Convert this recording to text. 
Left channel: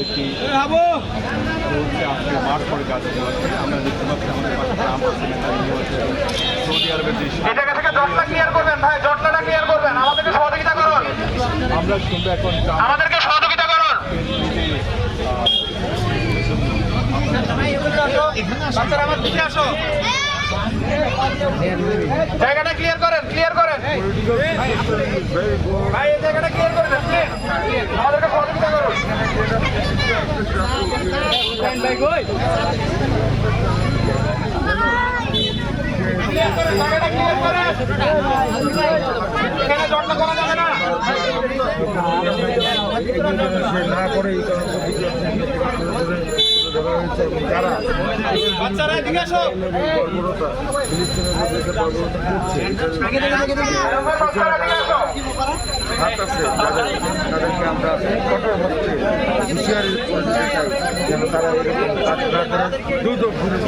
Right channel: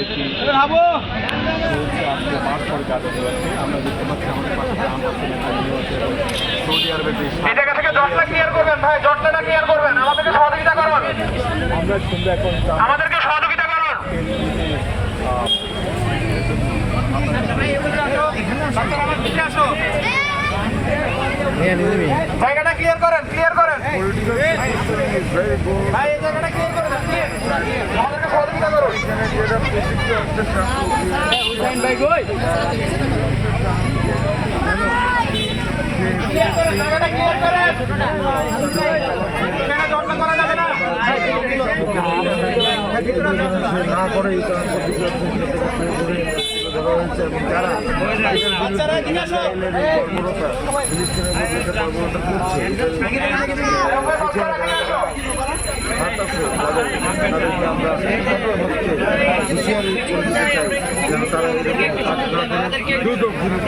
যেটি চলছে আজকে মাঠ পরে কাজ উপলক্ষে আমরা দেখতে পাচ্ছি আমাদের পাশে গ্রাম আছে, নেতানিয়াহু আছে এবং সৌদি আরবের যে আমরা শুনবো এখন জায়গাটা ক্লিয়ার করেন ভাই, এই জায়গাটা ক্লিয়ার করেন আমাদেরকে সহযোগিতা করুন। জায়গাটা ক্লিয়ার করেন, এখানে জটলা করা যাবে না। বাচ্চারা এদিকে আসো। হাত আছে তাদেরকে আমরা কঠোর হচ্ছে হুঁশিয়ারি করে দিতে চাই যেন তারা এরকম কাজ না করে দ্রুত ফিরে